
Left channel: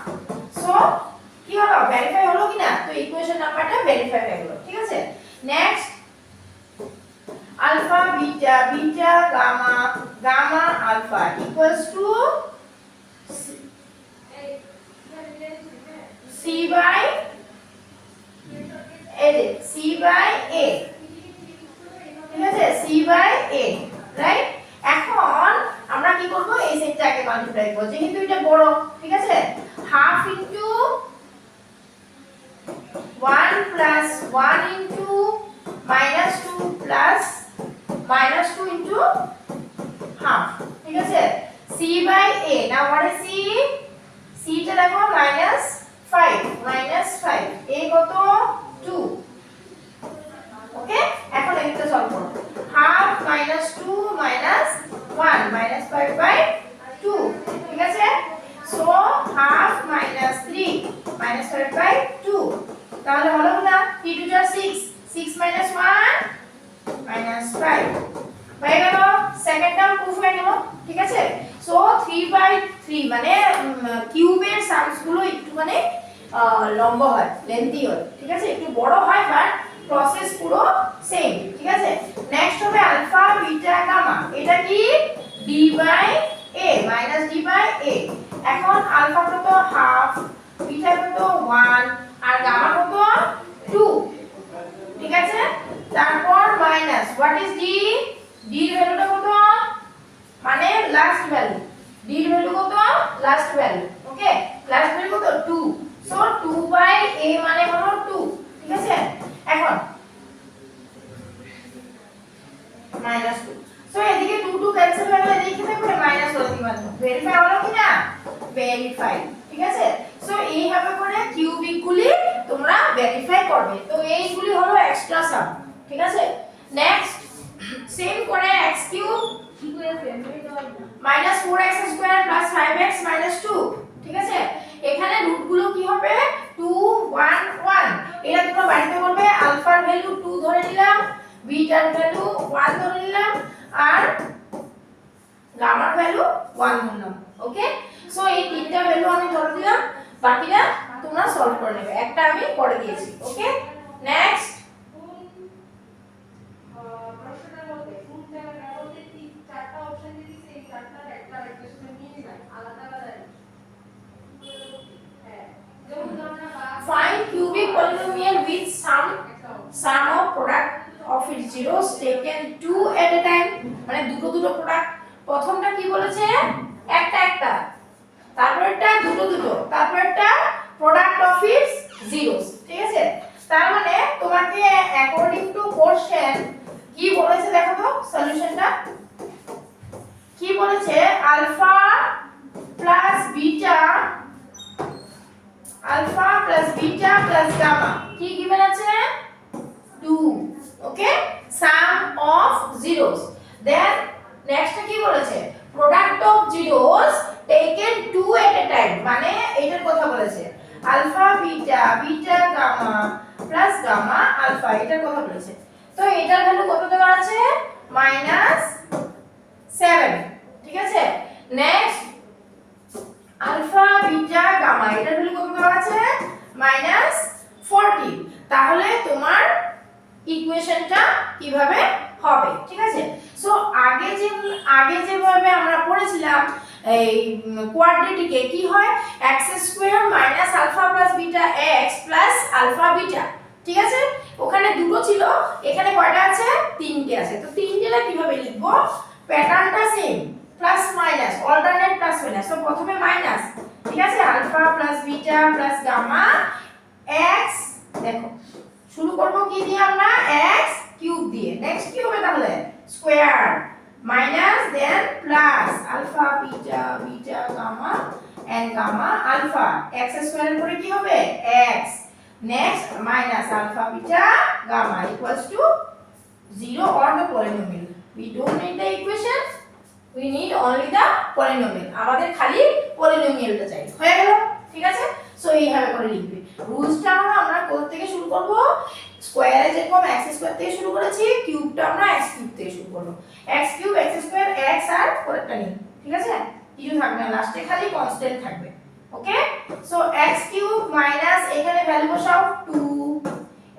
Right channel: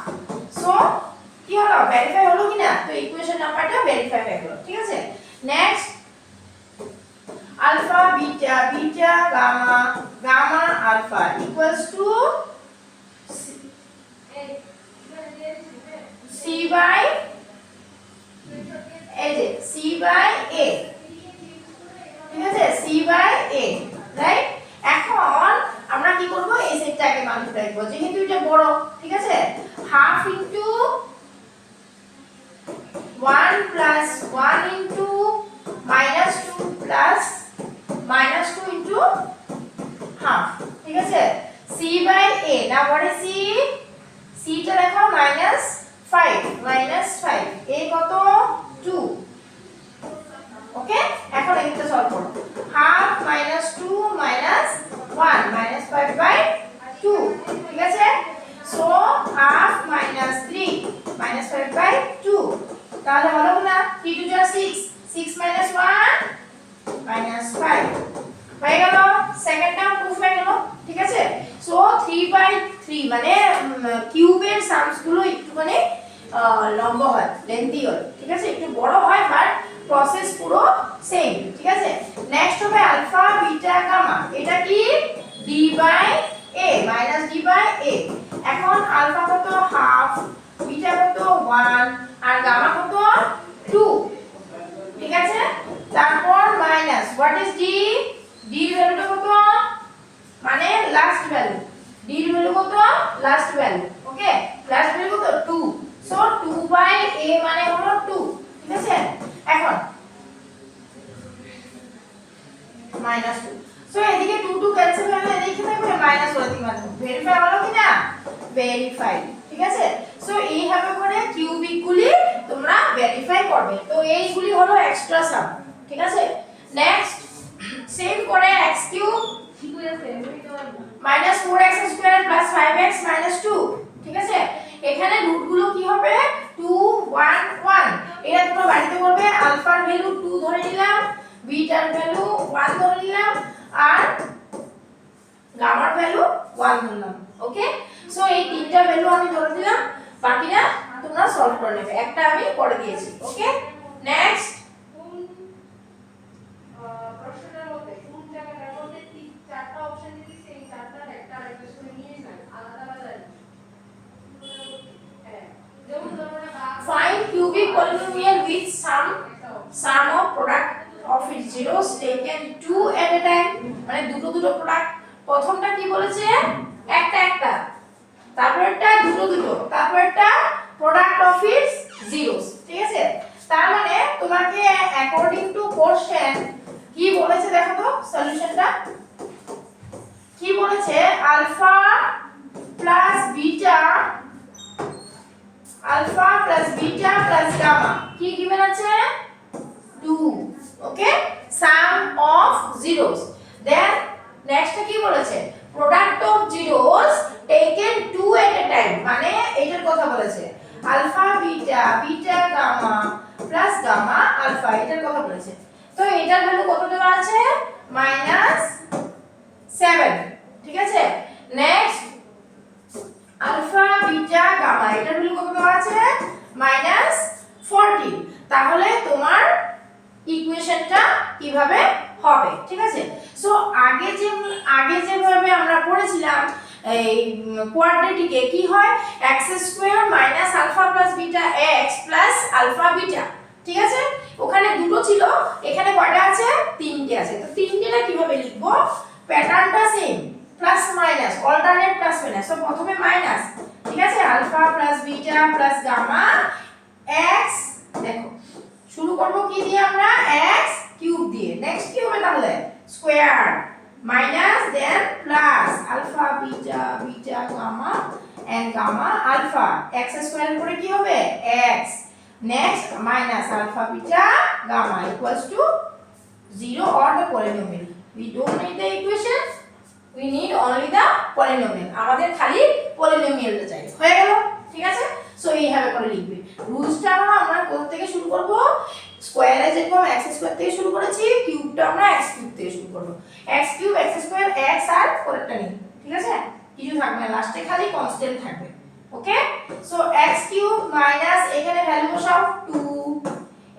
So কি হলো, ভেরিফাই হলো কিনা? তো ইকুয়েশন নাম্বারটা ভেরিফাই হয়ে গেল, ঠিক আছে? Next, alpha beta beta gamma gamma alpha equals to c/a, ঠিক আছে? c/a, right? এখন আমরা কি করব, এই সেটটাকে মাল্টিপ্লাই করব, যেহেতু এটা বড়, ঠিক আছে? Half into 1 plus 1 into -2 plus -2 into half, ঠিক আছে? c/a। Now what is c? c টা দেখো -5, a কত 2। ওকে, এখন এদিকটা সলভ করব। হাফ -2 -1 -5/2, ঠিক আছে? সো হাফ -3 -5/2, তাহলে হলো না 3 2 6, 6 - 1 -5 হয়ে গেল। সেকেন্ড টার্ম প্রুফ হয়ে গেল, ঠিক আছে? সো 3/3 মানে কিউবের সামস গুলো একটু মানে লম্বা হয়, লেন্থি হয়, ঠিক আছে? একটু বড় হয়, বাট প্রসেস পুরো সেম, ঠিক আছে? নেক্সট হবে আলফা বিটা গামা, এটা কি d/a -d/a। এখন আলফা কত হাফ, বিটা কত 1 আর গামা কত 2, ঠিক আছে? তারপর minus, what is d? d এর ভ্যালুটা কত, মানে লাস্ট ভ্যালু, d এর ভ্যালু কত লাস্ট ভ্যালু, ওকে? লাস্ট ভ্যালু কত 2, সো 2/a মানে হলো 2, ঠিক আছে? এখন -2, সো এদিকে 2 2 ক্যান্সেল হয়ে গেলে এদিকে থাকবে মাইনাস হলো দিকে, মানে ভেরিফাই হলো কি না? ভেরিফাই, ঠিক আছে? সো এইভাবে করে কিউবিক গুলি তোমরা ভেরিফাই করবে। তো এইগুলি হলো এক্সট্রা সাম, ঠিক আছে? নেক্সট, সেম করে x³ -4x² + 5x - 2, ঠিক আছে? এখানে রুট গুলো কি হবে 2 1 1, এটা তোমরা বাড়িতে করবে। আলফার ভ্যালু 2 ধরে নিলাম, বিটার ভ্যালু 1 ধরে নিলাম, আর গামার ভ্যালু 1 ধরলাম, ওকে? সো এই তিনটা ভ্যালু আমি ধরে দিলাম, বাকিটা তোমরা সলভ করে নেবে, একটা আমি করে দিয়েছি, ওকে? নেক্সট, প্রশ্নটার মধ্যে কোন জায়গাটা বলতে চারটা অপশন দিয়েছি, সেই চারটার একটা ইকুয়েশনে নিয়ে নেন, আলাদা আলাদা। হ্যাঁ, যেমন ধরো না, find cubic polynomial with sum of product of its zeros taken two at a time, মানে দুটো দুটো প্রোডাক্ট। প্রথমটা কি বলেছে, একটা একটা, তারপরটা দুটো দুটো, তারপরটা প্রোডাক্ট অফ ইটস জিরোস, ঠিক আছে? তার মানে তোমাকে অ্যাকর্ডিং টু কোশ্চেন কি বলেছে দেখো তো, সলিউশনটা কি বলেছে, alpha plus beta plus gamma কি গিভেন আছে 2, okay? Sum of zeros. Then next কি বলেছে, product of zeros taken 2 at a time, মানে এটার কথা বলেছে, alpha beta gamma plus gamma alpha, এটার কথা বলেছে। তো এটার ভ্যালু কত দেওয়া আছে -7, ঠিক আছে? নেক্সট, আলফা বিটা গামা এটার ভ্যালু কত দেওয়া আছে -40। তাহলে তোমার ইকুয়েশনটা কিভাবে হবে, ঠিক আছে। সো আগে যেভাবে আমরা পড়েছিলাম এই কোয়াড্রেটিকে কি হয় x square minus alpha plus beta x plus alpha beta, ঠিক আছে। ওখানে দুটো ছিল, এখানে কয়টা আছে? তিনটে আছে। তো তিনটেটা কিভাবে লিখব? প্যাটার্নটা same, plus minus alternate plus minus. তো প্রথমে মাইনাস, ঠিক আছে, alpha plus beta plus gamma x, দেখো শুরু করব কি দিয়ে আমরা? x কিউব দিয়ে। নেক্সট কি হবে তাহলে? Square minus then plus alpha beta beta gamma and gamma alpha, x square এর পরে কি হবে? x, next minus alpha beta gamma equals to 0 or the polynomial. We don't need the equation, we need only the polynomial. আমাদের খালি polynomialটা চাই, হয়ে গেল, ঠিক আছে। সো এইভাবে করে লিখবে। রুলসটা আমরা কোথা থেকে শুরু করব? স্কয়ারে যেরকম x স্কয়ার থেকে শুরু করেছি, কিউবটা আমরা x কিউব থেকে শুরু করব। x cube x square x আর পরেরটা নেই, ঠিক আছে, কিছু থাকবে না, লাস্টে খালি কনস্ট্যান্ট থাকবে। ওকে, সো x কিউব মাইনাস এখানে ভ্যালু বসাও 2,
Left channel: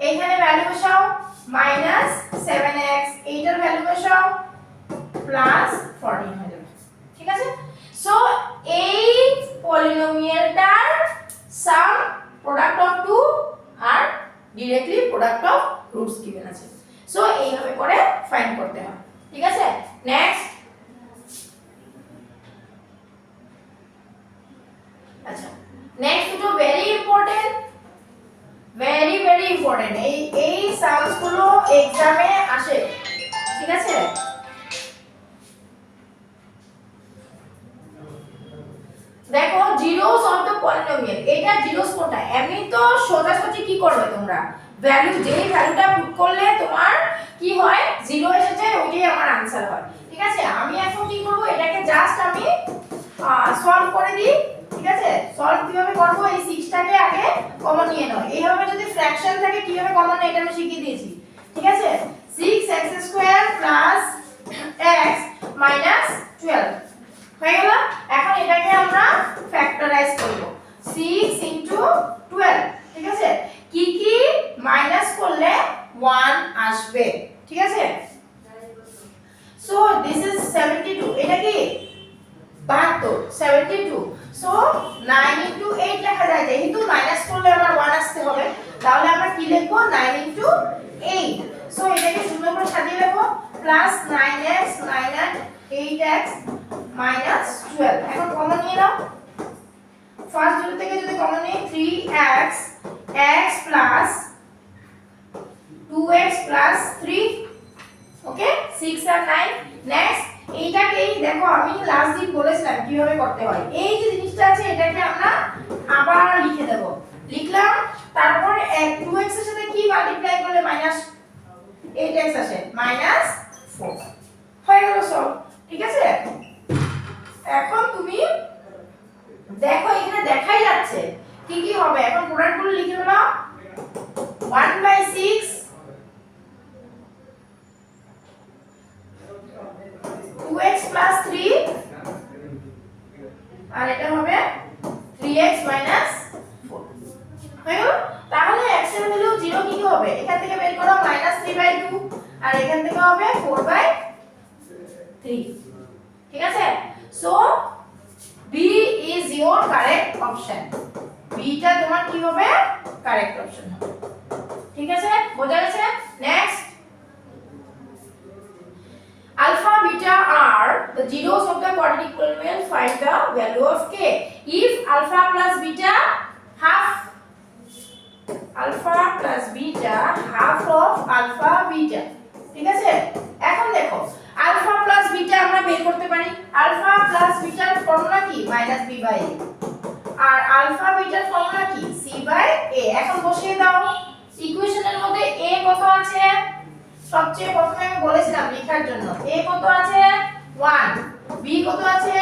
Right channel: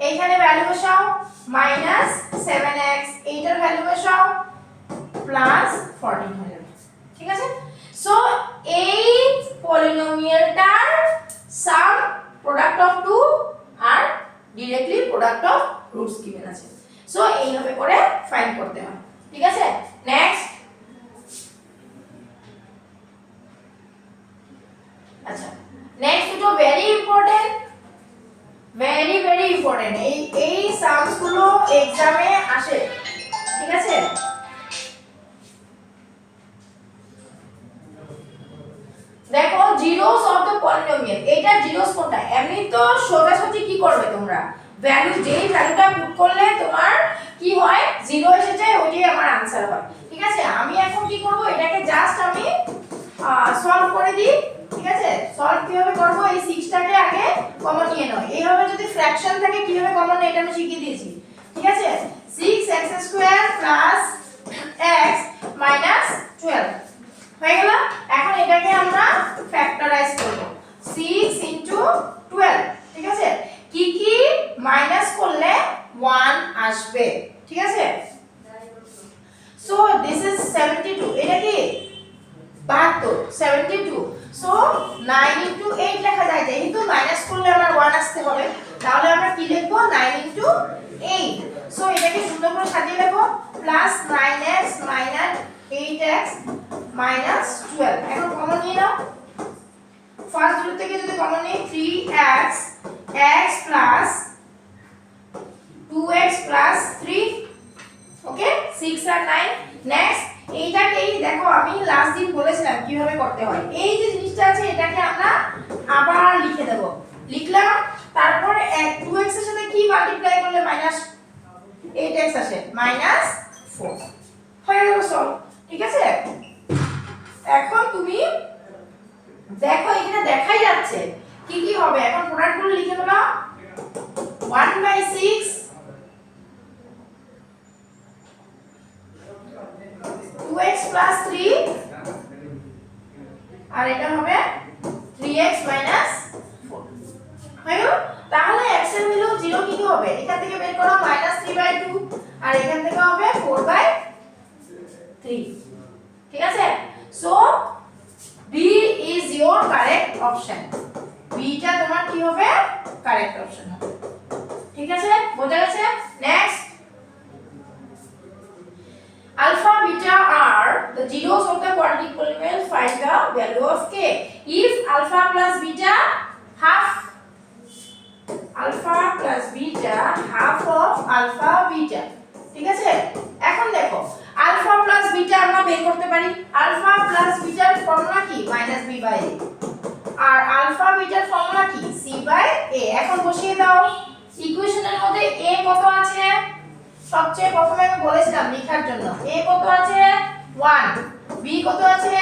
এইখানে ভ্যালু বসাও মাইনাস 7x, এইটার ভ্যালু বসাও প্লাস 14 হয়ে যাবে, ঠিক আছে। সো এই পলিনোমিয়ালটার সাম প্রোডাক্ট অফ 2 আর directly product of roots given আছে। সো এইভাবে করে ফাইন্ড করতে হয়, ঠিক আছে। নেক্সট, আচ্ছা নেক্সট দুটো ভেরি ইম্পর্টেন্ট, ভেরি ইম্পর্টেন্ট। এই সামস গুলো এক্সামে আসে, ঠিক আছে। দেখো জিরোস অফ দ্য পলিনোমিয়াল, এটা জিরোস কোনটা? এমনি তো সোজাসুজি কি করবে তোমরা? ভ্যালু, যেই ভ্যালুটা পুট করলে তোমার কি হয়, জিরো এসে যায়, ওইটাই আমার आंसर হয়, ঠিক আছে। আমি এখন কি করব? এটাকে জাস্ট আমি সলভ করে দিই, ঠিক আছে। সলভ কিভাবে করব? এই 6 টাকে আগে কমন নিয়ে নাও। এইভাবে যদি ফ্র্যাকশন থাকে কিভাবে কমন নেয় এটা আমি শিখিয়ে দিয়েছি, ঠিক আছে। 6x square plus x minus 12 হয়ে গেল। এখন এটাকে আমরা ফ্যাক্টরাইজ করব, 6 ইনটু 12, ঠিক আছে। কি কি মাইনাস করলে 1 আসবে, ঠিক আছে। সো দিস ইজ 72, এটা কি 72, 72। সো 9 ইনটু 8 লেখা যায়, যেহেতু মাইনাস করলে আমার 1 আসতে হবে, তাহলে আমরা কি লিখব? 9 ইনটু 8। সো এটাকে সুন্দর করে সাজিয়ে লিখব, plus 9x minus 8x minus 12। এখন কমন নিয়ে নাও, ফার্স্ট জিরো থেকে যদি কমন নিই 3x x plus 2x plus 3, ওকে, 6 আর 9। নেক্সট এইটাকেই দেখো আমি লাস্ট দিন বলেছিলাম কিভাবে করতে হয়। এই যে জিনিসটা আছে এটাকে আমরা আবার লিখে দেব, লিখলাম, তারপর 2x এর সাথে কি মাল্টিপ্লাই করলে মাইনাস 8x আসে, মাইনাস 4 হয়ে গেল সব, ঠিক আছে। এখন তুমি দেখো এখানে দেখাই যাচ্ছে কি কি হবে। এখন প্রোডাক্টগুলো লিখে দাও, 1/6 2x plus 3 আর এটা হবে 3x minus 4 হয়ে গেল। তাহলে x এর ভ্যালু 0 কি কি হবে? এখান থেকে বের করো -3/2 আর এখান থেকে হবে 4/3, ঠিক আছে। So B is your correct option, B টা তোমার কি হবে? কারেক্ট অপশন হবে, ঠিক আছে, বোঝা গেছে। Next, alpha beta are the zeros of the quadratic polynomial, find the value of k if alpha plus beta half of alpha beta, ঠিক আছে। এখন দেখো alpha plus beta আমরা বের করতে পারি। alpha plus beta এর ফর্মুলা কি? -b/a, আর alpha beta এর ফর্মুলা কি? c/a। এখন বসিয়ে দাও ইকুয়েশনের মধ্যে a কত আছে? সবচেয়ে প্রথমে আমি বলেছিলাম লেখার জন্য a কত আছে? 1, b কত আছে?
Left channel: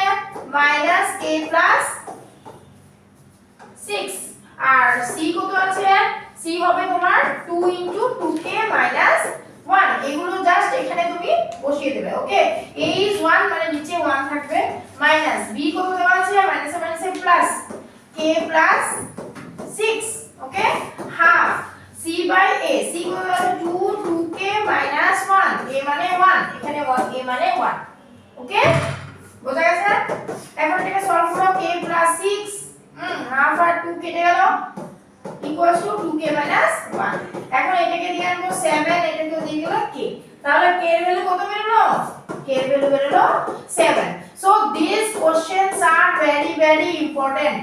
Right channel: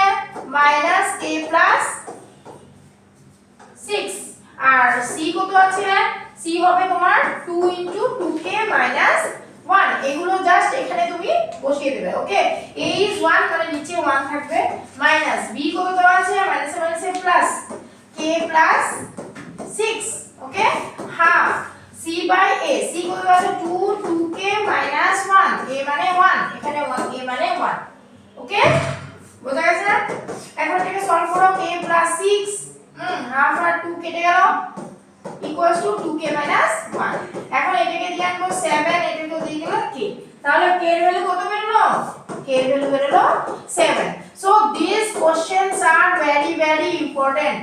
-k + 6, আর c কত আছে? c হবে তোমার 2 * 2k - 1। এগুলো জাস্ট এখানে তুমি বসিয়ে দেবে, ওকে। a is 1 মানে নিচে 1 থাকবে, মাইনাস b কত দেওয়া আছে? -A plus k + 6, okay, half c by a, c কত আছে 2, 2k minus 1, a মানে 1, এখানে 1, a মানে 1, ওকে বোঝা গেছে? এখন এটাকে সলভ করো, k প্লাস 6 হাফ আর 2 কেটে গেল ইকুয়ালস টু 2k minus 1। এখন এটাকে দিয়ে আনবো 7, এটাকে দিয়ে গেল k, তাহলে k এর ভ্যালু কত বেরোলো? k এর ভ্যালু বেরোলো 7। So this questions are very very important.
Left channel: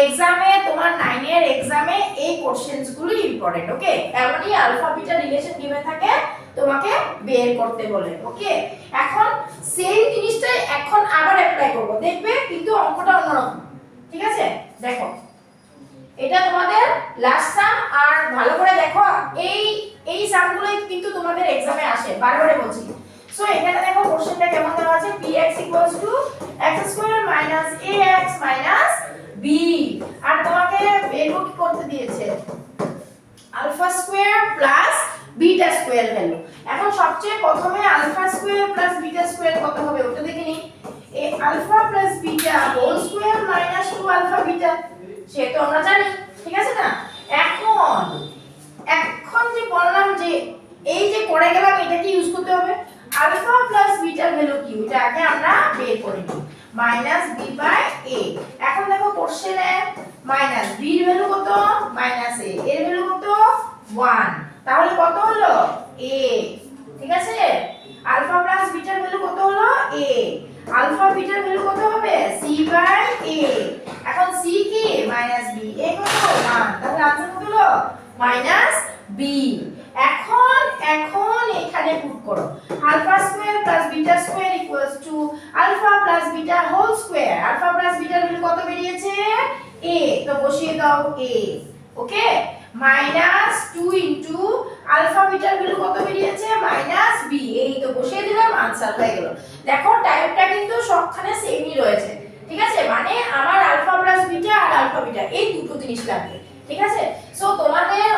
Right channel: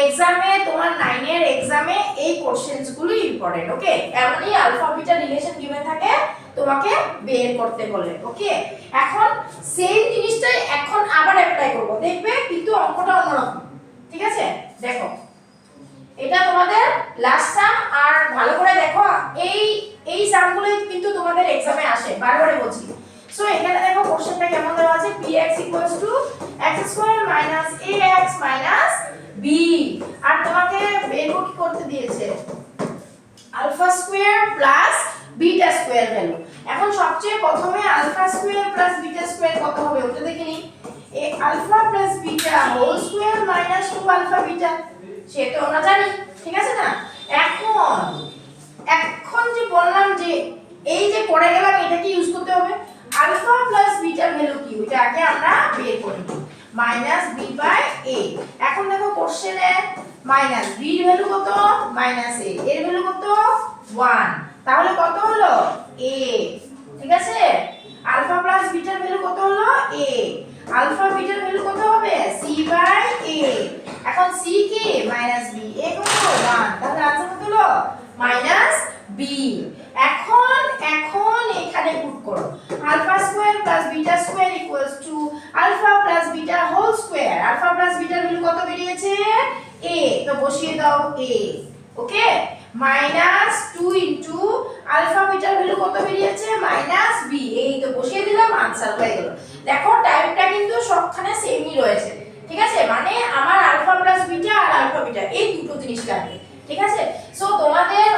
এক্সামে তোমার 9 এর এক্সামে এই কোশ্চেনস গুলো ইম্পর্টেন্ট, ওকে? এমনই আলফা বিটা রিলেশন গিভেন থাকে, তোমাকে বের করতে বলে, ওকে? এখন সেই জিনিসটাই এখন আবার অ্যাপ্লাই করব, দেখবে কিন্তু অঙ্কটা অন্যরকম, ঠিক আছে? দেখো এটা তোমাদের লাস্ট সাম, আর ভালো করে দেখো এই সামগুলো কিন্তু তোমাদের এক্সামে আসে, বারবারে বলছি। সো এখানে দেখো কোশ্চেনটা কেমন দেওয়া আছে, px x² - ax - b, আর তোমাকে বের কি করতে দিয়েছে alpha square plus beta square value. এখন সবচেয়ে প্রথমে alpha square plus beta square কত হবে ওটা দেখে নিই। এ alpha plus beta whole square minus 2 alpha beta, সে তো আমরা জানি, ঠিক আছে না? এখন এখন যে বললাম যে এই যে করে গেলাম, এটা কি ইউজ করতে হবে, আলফা প্লাস বিটার ভ্যালু কি ওইটা আগে আমরা বের করে নিই, মাইনাস বি বাই এ। এখন দেখো কোশ্চেনে মাইনাস বি এর ভ্যালু কত, মাইনাস এ এর ভ্যালু কত 1, তাহলে কত হলো a, ঠিক আছে? আলফা প্লাস বিটার ভ্যালু কত হলো a, আলফা বিটার ভ্যালু কত হবে c বাই a। এখন c কি মাইনাস b, a কত 1, তাহলে আনসার কত হলো মাইনাস b। এখন এখানে পুট করো alpha square plus beta square equals to alpha plus beta whole square. Alpha plus বিটার ভ্যালু কত বেরিয়েছে a, তো বসিয়ে দাও a, okay? Minus 2 into alpha বিটার ভ্যালু কত বেরিয়েছে মাইনাস b, এই তো বসিয়ে দিলাম, আনসার হয়ে গেল। দেখো টাইপটা কিন্তু সবখানে সেমই রয়েছে, ঠিক আছে? মানে আমার আলফা প্লাস বিটা আর আলফা বিটা এই দুটো জিনিস লাগবে, ঠিক আছে? সো তোমাদের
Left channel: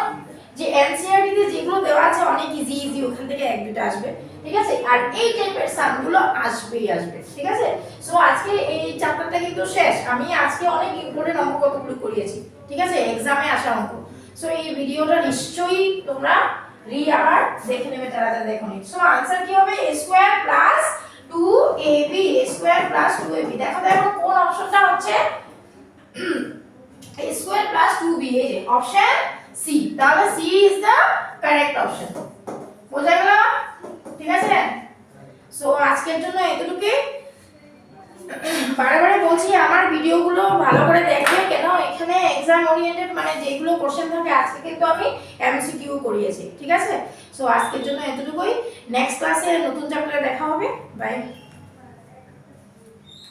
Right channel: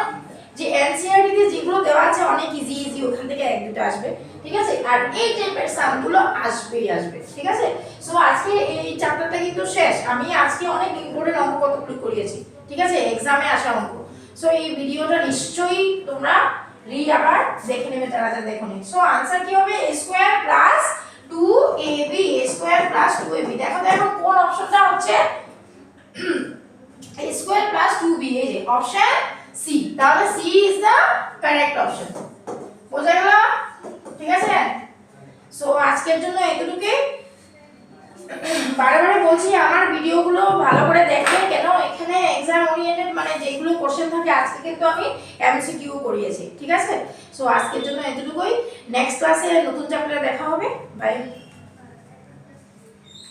যে এনসিইআরটি তে যেগুলো দেওয়া আছে অনেক ইজি ওখান থেকে এক দুটো আসবে, ঠিক আছে? আর এই টাইপের সামগুলো আসবেই আসবে, ঠিক আছে? সো আজকে এই চ্যাপ্টারটা কিন্তু শেষ। আমি আজকে অনেক ইম্পর্টেন্ট অঙ্ক কতগুলো করিয়েছি, ঠিক আছে? এক্সামে আসা অঙ্ক। সো এই ভিডিওটা নিশ্চয়ই তোমরা আবার দেখে নেবে যারা যারা দেখোনি। সো आंसर কি হবে a square plus 2ab, a square plus 2ab। দেখো দেখো কোন অপশনটা হচ্ছে a স্কয়ার প্লাস 2b, এই যে অপশন সি, তাহলে C is the correct option. বোঝা গেল? ঠিক আছে? সো আজকের জন্য এতটুকুই। বারে বলছি আমার ভিডিওগুলো ভালো করে দেখবে, কেন এখানে এক্সাম ওরিয়েন্টেড, মানে যেগুলো কোশ্চেন থাকে আজকে কিন্তু আমি এমসিকিউ করিয়েছি, ঠিক আছে? সো আজকের জন্য এতটুকুই, নেক্সট ক্লাসে নতুন চ্যাপ্টারে দেখা হবে, বাই।